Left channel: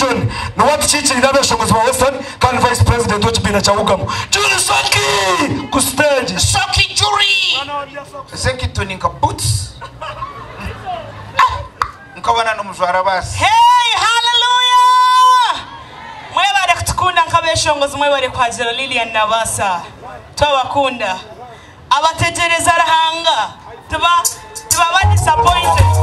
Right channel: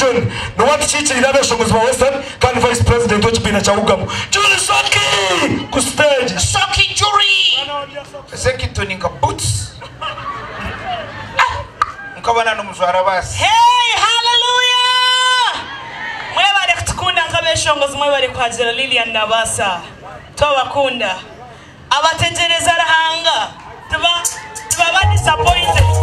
region no watu chichiri n'abashongozi ba Western kandi vice president w'ikibina cya Ugamo Julie Soki ku stage Soki Julie Sekito ninka boots nkabana n'umujwara basi. Hey, hallelujah! Mwebare kutukunda nkabeshongozi mwebare kwazira Lilian Nabasa tubakunda abategereza rahanga tuba disappointed.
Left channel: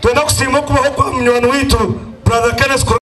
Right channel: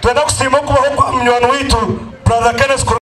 Twenda kusimama kubaho kwa mnywana witu brother Kenneth